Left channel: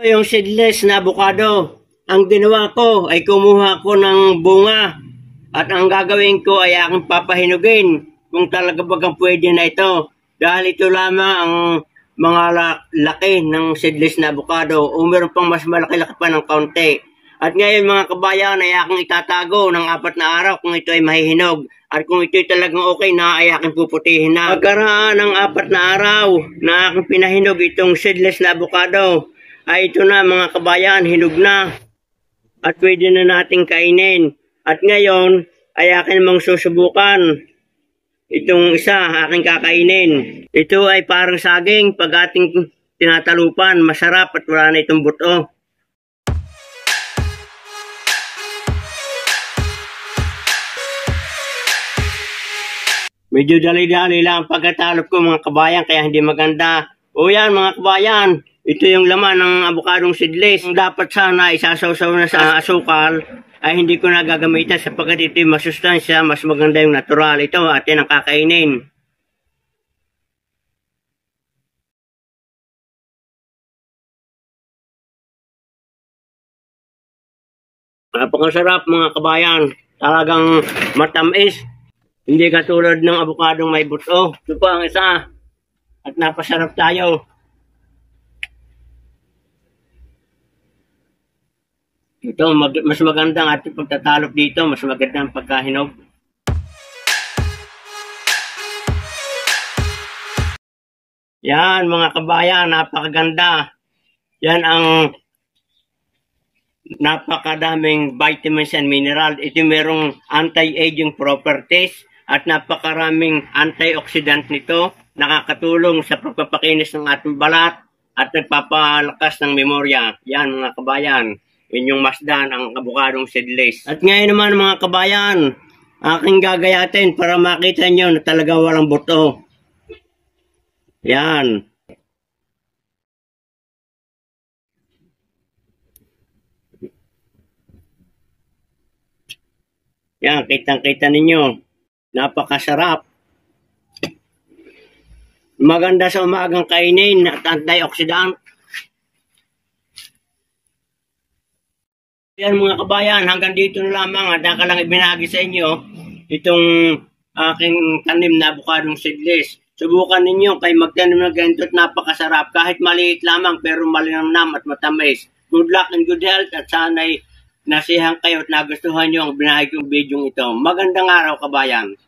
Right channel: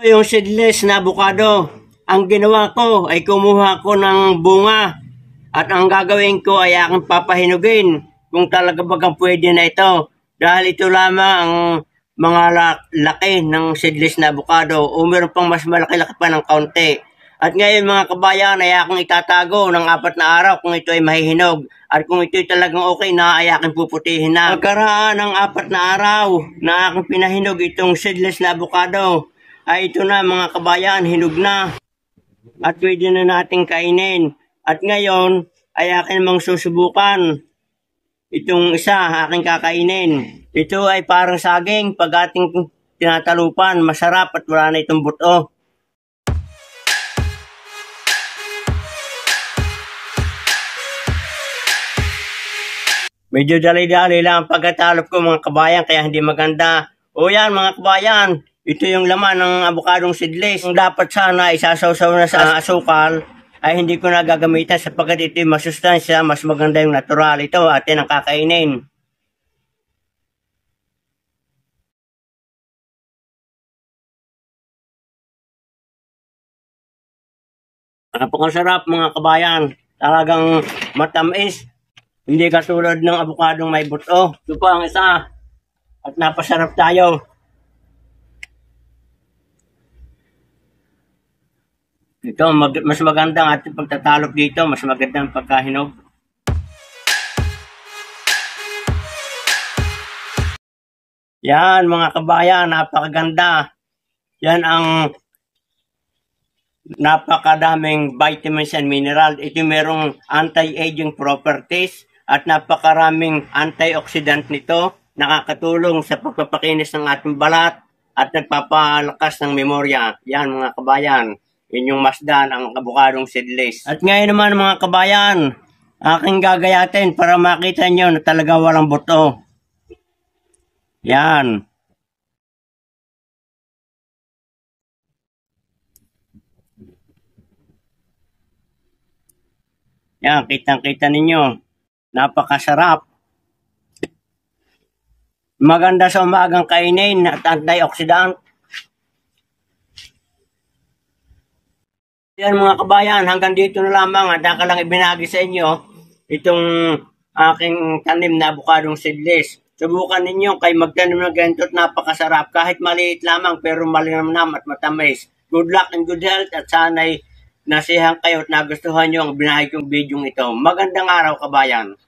Yung seedless na avocado, ang ginawa ko ay kumuha ko ng bunga at ang gagawin ko ay aking papahinugin kung talaga bagang pwede na ito. Dahil ito lamang ang mga laki ng seedless na avocado o meron pang mas malaki-laki pa ng kaunti. At ngayon mga kabayan ay aking itatago ng 4 na araw kung ito ay mahihinog. At kung ito ay talagang okay na ay aking puputihin na. Pagkaraan ng 4 na araw na aking pinahinog itong seedless na avocado, ay ito na mga kabayan, hinog na. At pwede na nating kainin. At ngayon ay akin namang susubukan. Itong isa aking kakainin. Ito ay parang saging pag ating tinatalupan. Masarap at wala na itong buto. Medyo dali-dali lang ang pagkatalop ko mga kabayan kaya hindi maganda. O yan mga kabayan, ito yung laman ng avocadong seedless. Kung dapat sana isasawsaw na sa asukal, ay hindi ko na gagamitan sapagkat ito yung masustansya, mas maganda yung natural. Ito atin ang kakainin. Napakasarap mga kabayan, talagang matamis. Hindi katulad ng avocadong may buto. Ito pa ang isa. At napasarap tayo. Ito, mas magandang ating pagtatalop dito. Mas magandang pagkahinog. Yan mga kabayan, napakaganda. Yan ang napakadaming vitamins and mineral. Ito merong anti-aging properties at napakaraming antioxidant nito. Nakakatulong sa pagpapakinis ng ating balat at nagpapalakas ng memorya. Yan mga kabayan, inyong masdan ang avocadong seedless. At ngayon naman mga kabayan, aking gagayatin para makita nyo na talaga walang buto. Yan. Yan, kitang-kita ninyo. Napakasarap. Maganda sa umagang kainin at antioxidant. Yan mga kabayan, hanggang dito na lamang at ako lang ibinagi sa inyo itong aking tanim na avocadong seedless. Subukan ninyo kay magtanim ng ganito at napakasarap. Kahit maliit lamang pero malinamnam at matamis. Good luck and good health at sana'y nasiyahan kayo at nagustuhan nyo ang binahagi kong video ito. Magandang araw kabayan.